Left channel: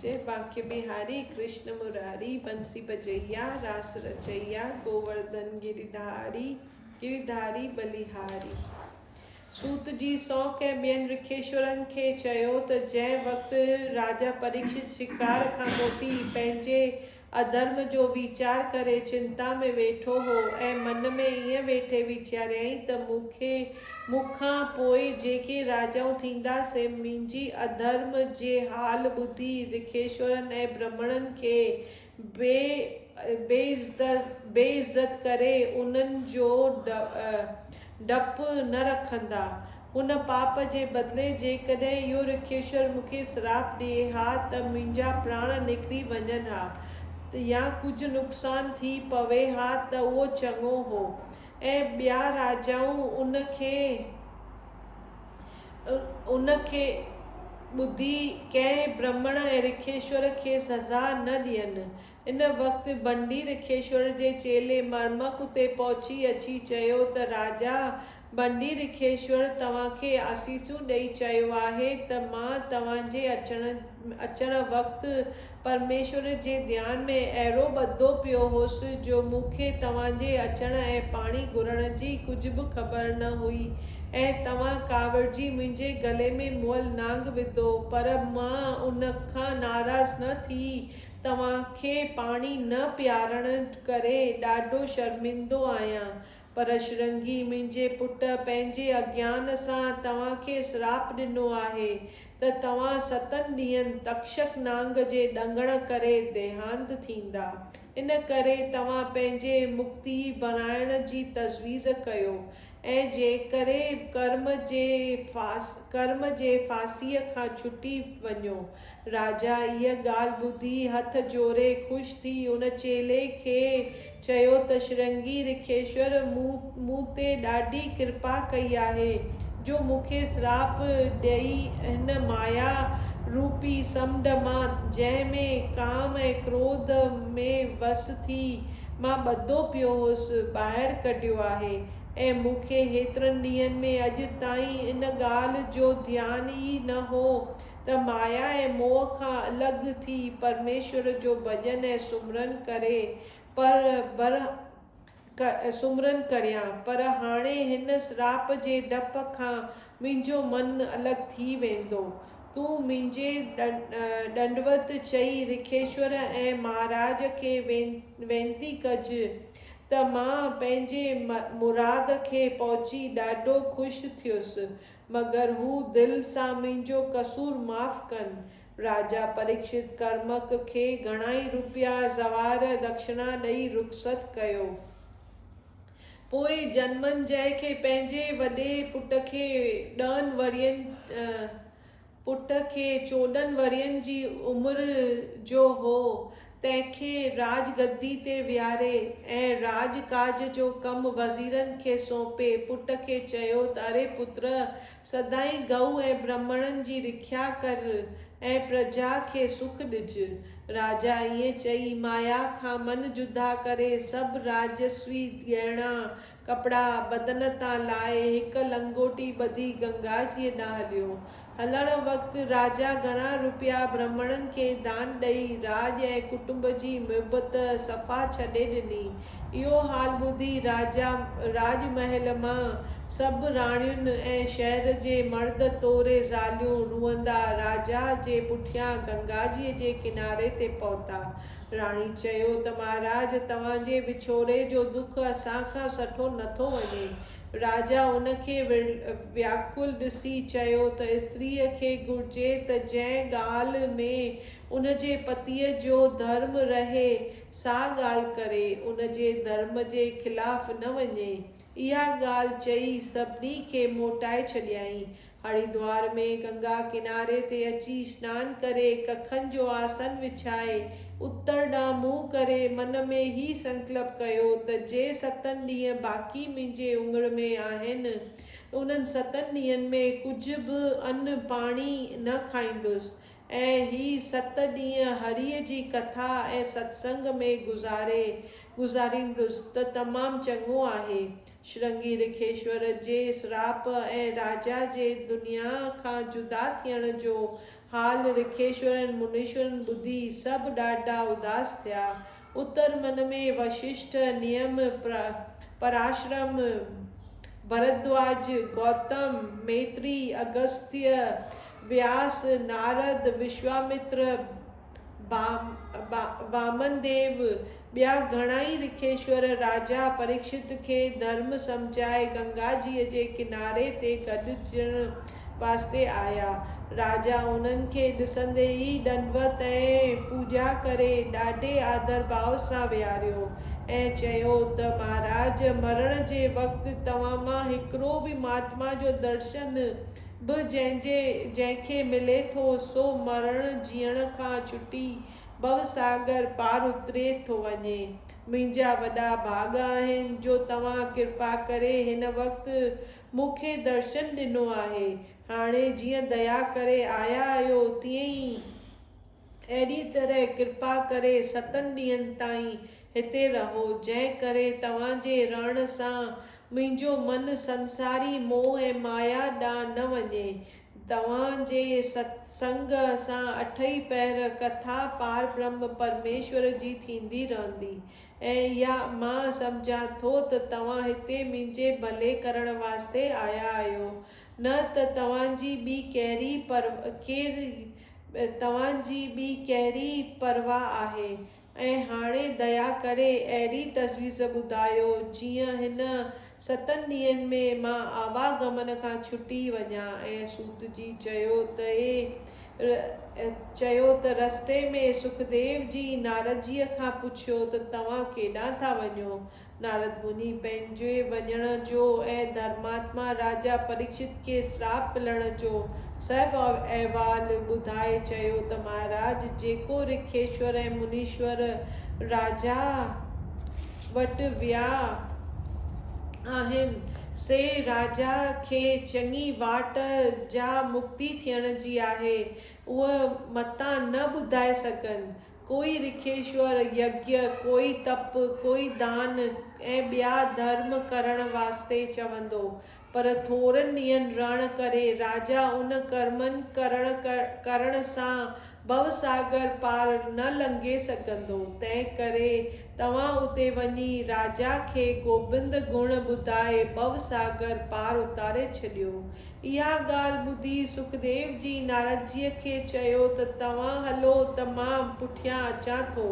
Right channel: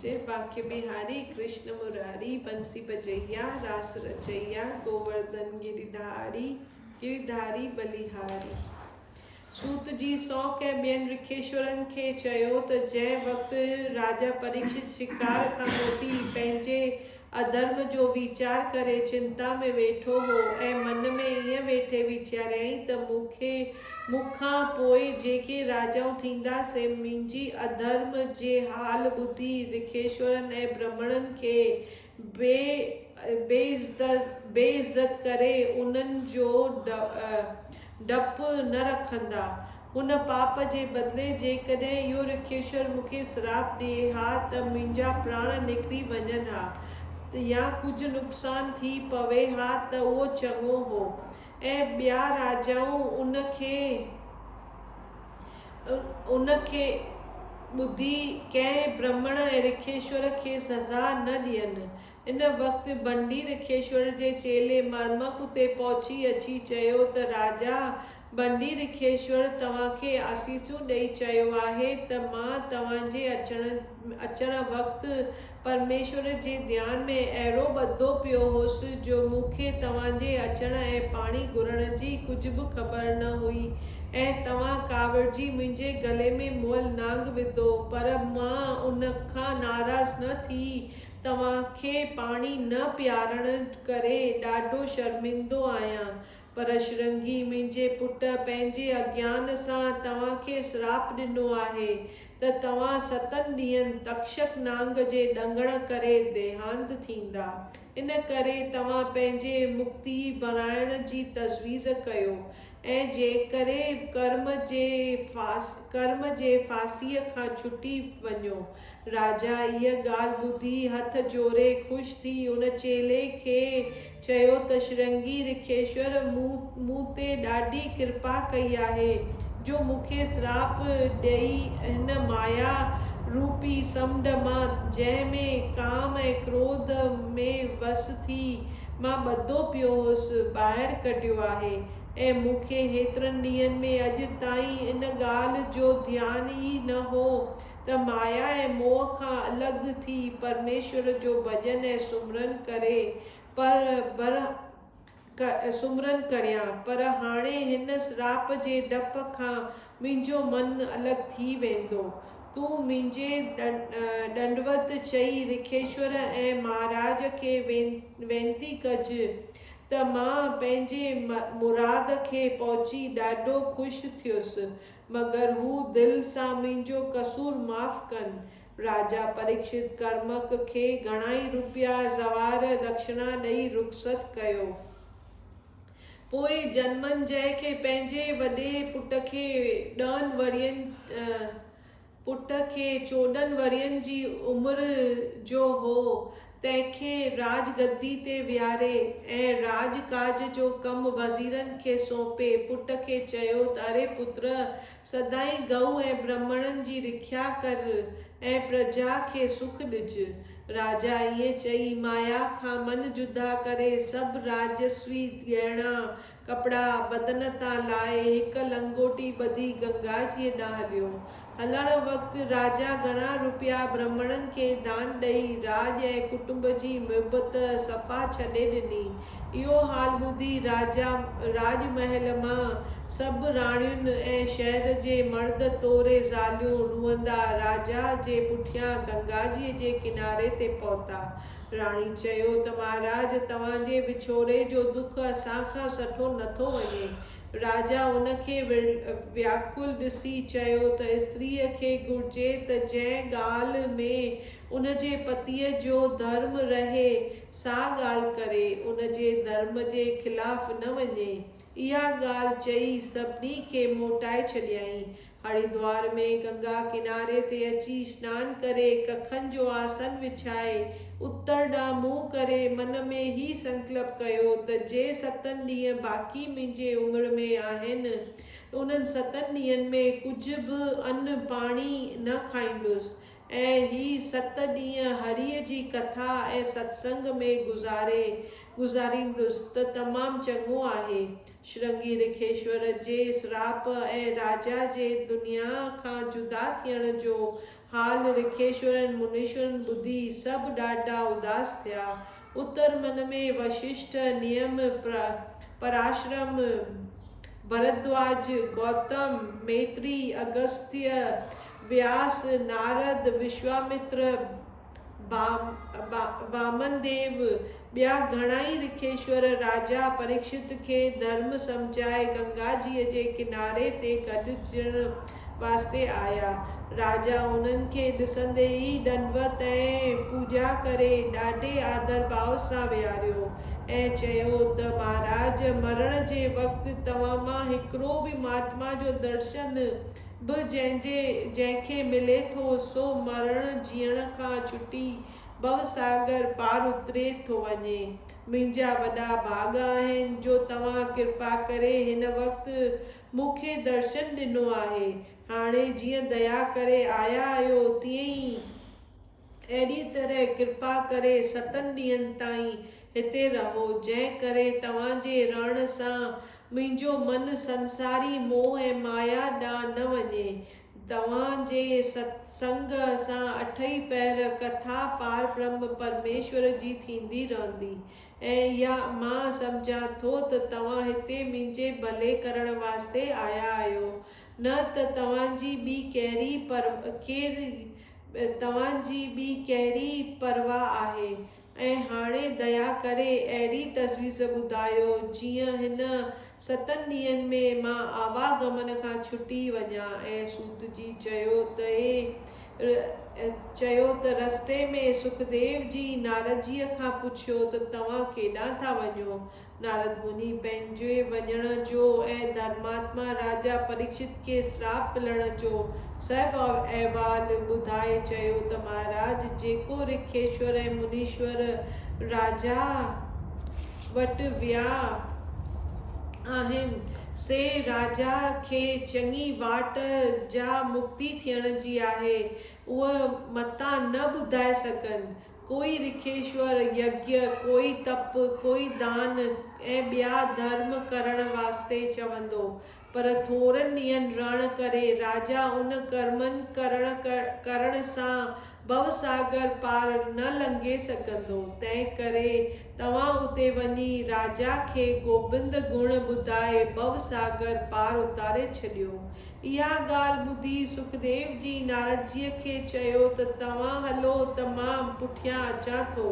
जय बांके बिहारी कृष्ण मुरारी बंसी बजैया रास रचैया गोवर्धन गिरिधारी गिरिधारी बलिहारी। सूत जी सौ के ॿियनि ऋखेश्वरनि खे चयो त जंहिं वक़्तु राजा परीक्षित शिकार खां मोटी पंहिंजे अधर्म जो वीचार करे चिंता में वेठो हो ऐं मन में ईअं वेठे वीचारियई त मूंखां पोइ जेके राजाऊं थींदा से मुंहिंजी अधर्म जे हाल ॿुधी ऋखेश्वरनि ऐं ब्राह्मणनि खे बेइज़्ज़त करे उन्हनि जो डपु न रखंदा। हुन पाप जे बदिले जेकॾहिं इहो ऋखेश्वर मूंखे श्राप ॾिए हा त मुंहिंजा प्राण निकिरी वञनि हा या कुझु नुक़सान थी पवे हा त उहो चङो हो। ऐं ॿिया राजाऊं उनखे ॿुधी कंहिं ब्राह्मण ऐं ऋखेश्वर खे सज़ा न ॾियनि। इन वक़्तु बंडी ऋखेश्वर जे चेले मर्मक उते पहुची अची चयो त राजा बंडी ऋखेश्वर तव्हांखे आसीसूं ॾेई चयो आहे त मां तव्हांजे अचण वक़्तु परमेश्वर जे ध्यान में अहिड़ो ॿधो पियो हुअसि जो मूंखे तव्हांजे अचण ऐं पाणी घुरण जी कुझु बि ख़बर न हुई ऐं तव्हां कावड़जी मुंहिंजे गले में मुअल नांग विधो, पर मां उन खां नाराज़ न थी तव्हांखे पाणी न पीआरण करे ॾाढो शर्मिंदो आहियां। पर श्रृंगी मुंहिंजे पुट पंहिंजे अज्ञान सां तव्हांखे श्राप ॾिनो आहे त तव्हां 7 ॾींहंनि तक्षक नांग जे ॾंगण करे देहांत थींदा। इन करे तव्हां पंहिंजे मुक्ति बणाइण जी तजवीज़ कयो ऐं जेकरे कर्म जे फांसीअ खां छुटी वञो। राजा इहा ॻाल्हि ॿुधी हथ जोड़े ख़ुशि थी उन चेले खे चयो त श्रृंगी ऋखेश्वर मूं ते ॾाढी कृपा कई आहे जो मूंखे श्राप ॾेई हिन माया रूपी समुंड मां जंहिंमें काम ऐं क्रोध में वस थी मां ॿधो पियो हुअसि ॿाहिरि कढियो आहे ऐं मूंखे हेतिरनि ॾींहंनि में अॼु ताईं इन ॻाल्हि जो ध्यानु ई न हो त माया ऐं मोह खां अलॻि थी परमेश्वर जो भॼन ऐं सुमरन करियां। पर हाणे हिन श्राप जे डप खां मुंहिंजो मन अलॻि थी वेंदो। तूं मुंहिंजे दंडवत चई ऋखेश्वर ऐं महाराज खे वेनती कजि त मां पंहिंजे मुराद खे पहुची ॾाढो ख़ुशि थियुसि, मगर हू दिलि सां मुंहिंजो कसूर माफ़ कनि। राजा परीक्षित कर्मक खे घणाई रुपया ज़वार दक्षिणा ॾेई रुख़सत कयो। पोइ जनमन जंहिंखे पंहिंजे वॾे पुट खे 14 वरियनि जी उमिरि जो हो तंहिंखे राजगद्दी ते विहारे ऐं राजकाज जो कमु वज़ीरनि खे सौंपे पुट खे चयो त अरे पुत्र सदाईं गऊ ऐं ब्राह्मणनि जी रिख्या कर ऐं प्रजा खे सुख ॾिज। राजा ईअं चई माया खां मन जुदा करे सभु राजस्वी गहना कपिड़ा बदन तां लाहे हिकु लंगोटी ॿधी गंगा जी ॾांहुं हलियो। हलण वक़्तु राजा घणा रुपया ब्राह्मणनि खे दान ॾेई राज ऐं कुटुंब जी मुहिबत सफ़ा छॾे ॾिनी। इहो हाल ॿुधी राजमहल मां सभु राणियुनि ऐं शहर जे मर्द तोरे ज़ालियूं रुअंदा राजा जे पुठियां गंगाजीअ जे किनारे ते पहुता। राणी चयो त महाराज तव्हांजे विछोड़े जो दुख असांखां सठो नथो वञे। राजा उनखे व्याकुल ॾिसी चयो त स्त्रीअ खे घुर्जे त जंहिं ॻाल्हि में उनजे पतीअ जो धर्म रहे सा ॻाल्हि करे उनजे धर्म जे ख़िलाफ़ न वञे। इहा ॻाल्हि चई सभिनी खे मोटाए छॾियईं। हरिद्वार में गंगा किनारे ते अची सनानु करे कखनि जो आसन विछाए उत्तर ॾांहुं मुंहुं करे मन में ही संकल्प कयो त जे 7 ॾींहं बाक़ी मुंहिंजे उमिरि में आहिनि उन्हनि 7 ॾींहंनि में कुझु बि अन्न पाणी न खाईंदुसि ऐं ही 7 ॾींहं हरीअ जी कथा ऐं सत्संग में गुज़ारींदुसि त तमामु चङो आहे। श्रृंगी ऋखेश्वर जे श्राप ऐं राजा जे दुनिया खां जुदा थियण जो हाल ऋखेश्वरनि मुनीश्वरनि ॿुधी सभु ॾाढा उदास थिया। उत्तर मन में वशिष्ठ, नियम, पराशरम, भरद्वाज, गौतम, मैत्री, अगस्त्य, व्यास, नारद, विश्वामित्र, वामनदेव, ॿिया घणाई ऋखेश्वर राजा परीक्षित खे धर्म सम्झाए गंगा जीअ जे किनारे ते गॾिजण वास्ते आया। राजा उन्हनि खे ॾिसंदे ई दंडवत ऐं पूजा करे ॾाढे आदर भाव सां विहारियो ऐं चयो त महाराज, मरण जे वक़्तु तव्हां मां हिकिड़ो बि महात्मा जो दर्शन बि जंहिंखे मिले थो सो मरण जीअण खां छुटी भवसागर पार उतरे थो वञे। मुंहिंजा वॾा भाग आहिनि जो तव्हां कृपा करे हिन वक़्तु मूंखे दर्शन ॾिनो आहे। हाणे जीअं दया करे आया आहियो तीअं ई अहिड़ी तरह कृपा करे 7 ॾींहंनि ताईं हिते रहो, जंहिं करे तव्हांजे रहण सां मुंहिंजो मन संसारी मोह ऐं माया ॾांहुं न वञे। तव्हांजे सत्संग सां 8 पहर कथा पार ब्रह्म परमेश्वर जी थींदी रहंदी ऐं इहा मां सम्झां थो त तव्हां हिते मुंहिंजे भले करण वास्ते आया आहियो, न त तव्हांजी ॿी कहिड़ी परवाह आहे। ऐं हाणे दया करे अहिड़ी तजवीज़ ॿुधायो जीअं हिन 7 ॾींहंनि में मां आवागमन खां छुटी वञा। ऐं सूत जी चयो त रस्ते में सुखदेव जी नारद जीअ खां पुछियो त तव्हां केॾांहुं था वञो। नारद मुनि पंहिंजे वञण जो ऐं धर्मात्मा राजा परीक्षित खे श्राप मिलण जो सभु अहवाल ॿुधाए चयो त महाराज, जेको ऋखेश्वर ऐं मुनीश्वर राजा वटि विया आहिनि से राजा खे चङी वाट जा मुक्ति थियण जी आहे, उहा मतां न ॿुधाए सघनि। कोई ऋखेश्वर यज्ञ, कोई तप, कोई दान ऐं ॿिया धर्म करण वास्ते चवंदो, पर थोरनि ॾींहंनि रहण करे राजा उन कर्मनि करण सां भवसागर पार न लंघे सघंदो। तंहिं करे तव्हां उते वञी राजा खे गोबिंद गुण ॿुधाए भवसागर पार उतारे छॾियो। इहा ॻाल्हि ॿुधी सुखदेव जी नारद जीअ खे चयो त तव्हां हलो त मां पुठियां अचां थो।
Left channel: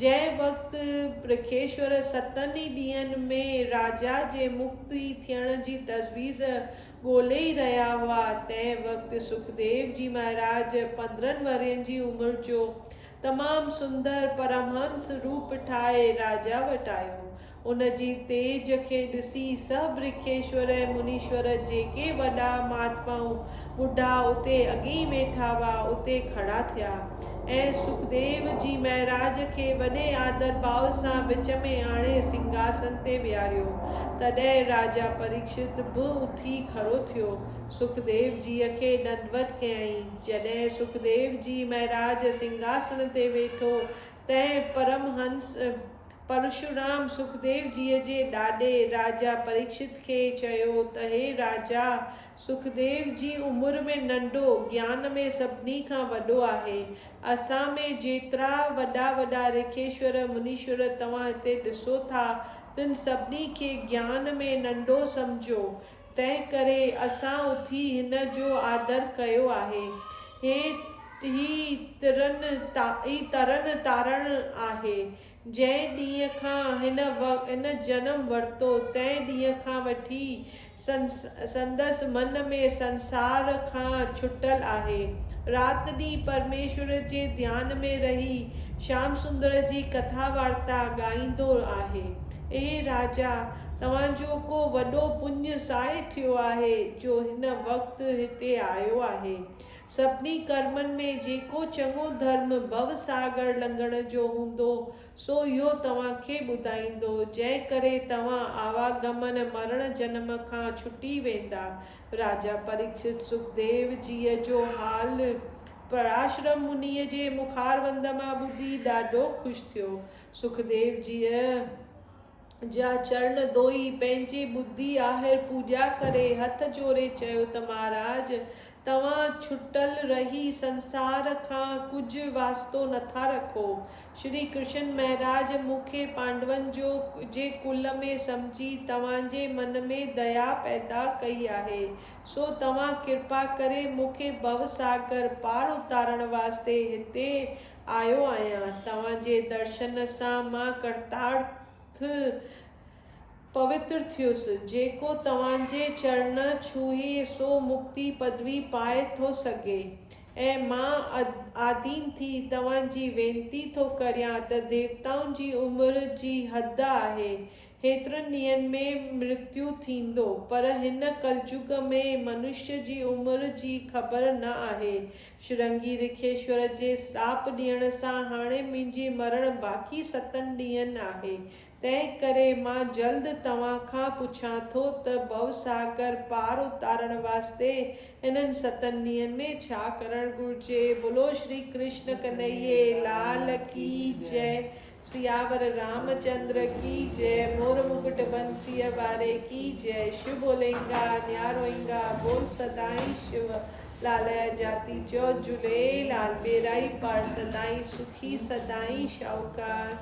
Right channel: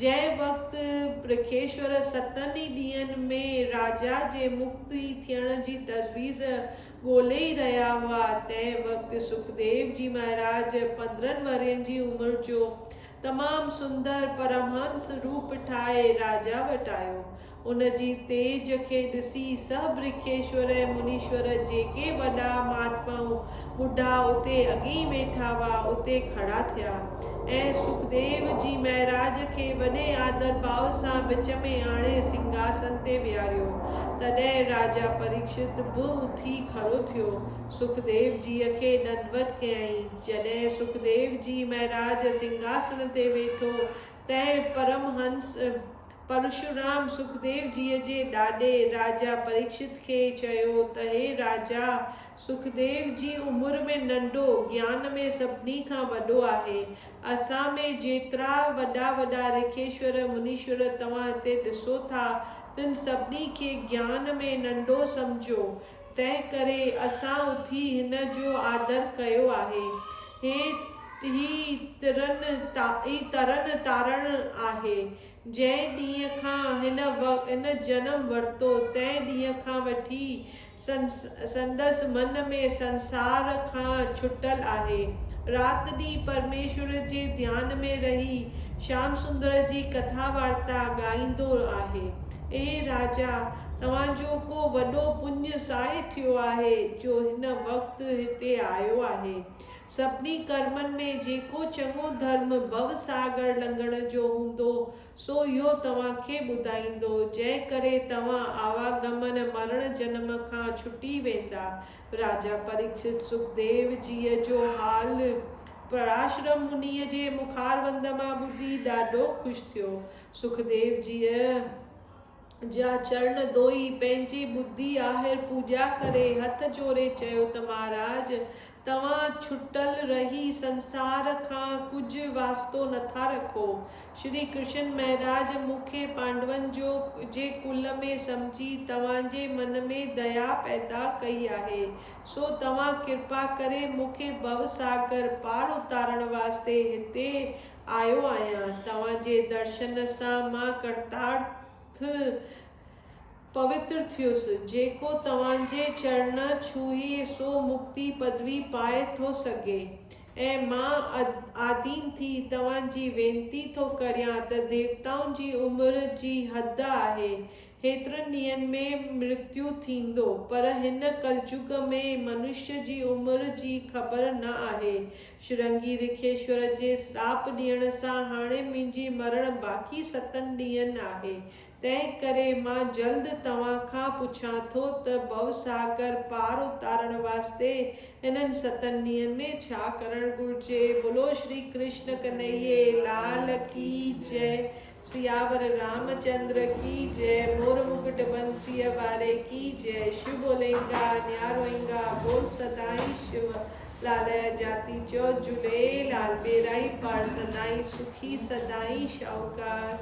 जंहिं वक़्तु ऋखेश्वर 7 ॾींहंनि में राजा जे मुक्ति थियण जी तजवीज़ ॻोल्हे ई रहिया हुआ, तंहिं वक़्तु सुखदेव जी महाराज 15 वरनि जी उमिरि जो तमामु सुंदर परमहंस रूप ठाहे राजा वटि आयो। उन जी तेज खे ॾिसी सभु ऋखेश्वर ऐं मुनीश्वर, जेके वॾा महात्माऊं ॿुढा उते अॻी वेठा हुआ, उते खड़ा थिया ऐं सुखदेव जी महाराज खे वॾे आदर भाव सां विच में आणे सिंहासन ते विहारियो। तॾहिं राजा परीक्षित बि उथी खड़ो थियो, सुखदेव जीअ खे दंडवत कयईं। जॾहिं सुखदेव जी महाराज सिंहासन ते वेठो तंहिं परमहंस परशुराम सुखदेव जीअ जे ॾाॾे राजा परीक्षित खे चयो त हे राजा, सुखदेव जी उमिरि में नंढो, ज्ञान में सभिनी खां वॾो आहे। असां में जेतिरा वॾा ऋखेश्वर मुनीश्वर तव्हां हिते ॾिसो था, तिन सभिनी खे ज्ञान में नंढो सम्झो। तंहिं करे असां उथी हिन जो आदर कयो आहे। ही तरन तारण आहे। जंहिं ॾींहं खां हिन जनम वरितो तंहिं ॾींहं खां वठी संदसि मन में संसार खां छुटल आहे। राति ॾींहुं परमेश्वर जे ध्यान में रही श्याम सुंदर जी कथा वार्ता ॻाईंदो आहे। ए राजा, तव्हांजो को वॾो पुण्य साए थियो आहे जो हिन वक़्तु हिते आयो आहे। सभिनी कर्मनि में जेको चङो धर्म भवसागर लंघण जो हूंदो सो इहो तव्हांखे ॿुधाईंदो, जंहिं करे तव्हां आवागमन मरण जन्म खां छुटी वेंदा। राजा परीक्षित सुखदेव जीअ जो हाल पराशरम मुनीअ जे मुखारवंद मां ॿुधी ॾाढो ख़ुशि थियो। सुखदेव जीअ जा चरण धोई पंहिंजी बुद्धि आहिर पूजा करे हथ जोड़े चयो त महाराज, तव्हां छुटल रही संसार खां कुझु वास्तो नथा रखो। श्री कृष्ण महाराज मूंखे पांडवन जे कुल में समझी तव्हांजे मन में दया पैदा कई आहे, सो तव्हां कृपा करे मूंखे भवसागर पार उतारण वास्ते हिते आयो आहियां। तव्हांजे दर्शन सां मां कृतार्थ पवित्र थियुसि। जेको तव्हांजे चरण छुहे सो मुक्ति पदवी पाए थो सघे। ऐं मां आदीन थी तव्हांजी वेनती थो करियां त देवताउनि जी उमिरि जी हद आहे, हेतिरनि ॾींहंनि में मृत्यु थींदो, पर हिन कलयुग में मनुष्य जी उमिरि जी ख़बर न आहे। श्रृंगी ऋखेश्वर जे श्राप ॾियण सां हाणे मुंहिंजी मरण बाक़ी 7 ॾींहंनि आहे। तंहिं करे मां जल्द तव्हां खां पुछां थो त भवसागर पार उतारण वास्ते इन्हनि 7 ॾींहंनि में छा करणु घुरिजे। बोलो श्री कृष्ण कन्हैये लाल की जय। सियावर रामचंद्र की जय। मोर मुकुट बंसीअ वारे की जय। शिव बोलेंगा न्यारोएंगा बोल सदाई शिव लाल जाति चो झूलेलाल। बेराई पार सदाई सुखी सदाई शाहूकार।